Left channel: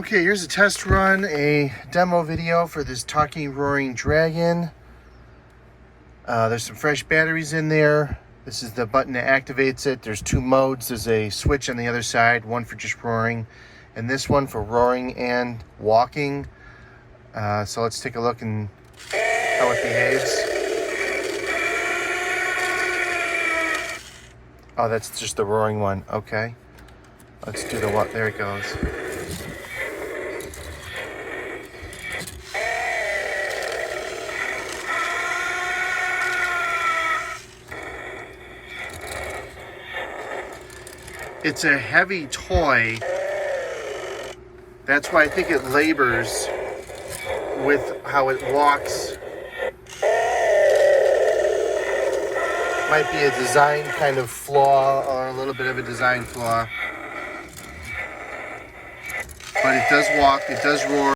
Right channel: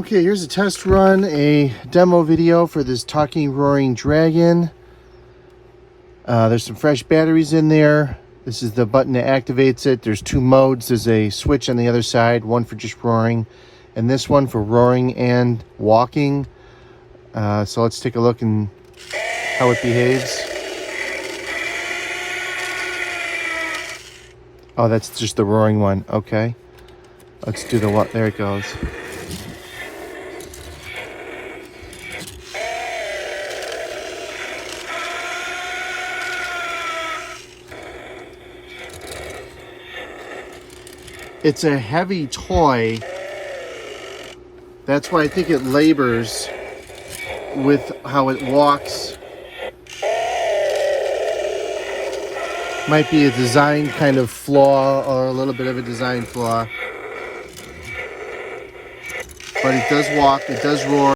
Okay, here's a test run, a demo video for this Talking Roaring Dragon. There's some fresh batteries in there. This is the button that activates it. There's two modes. There's a switch on the other side, one for just roaring, and this one for roaring and walking. So let's take a look and how it behaves. Oh, that's just the roaring one. Okay. Let's do the one. There it goes. It's a heavy toy. That's why I think it labors with how it walks. Might be a design kind of flaw or a little bit of a design flaw. But it does walk, it does roar.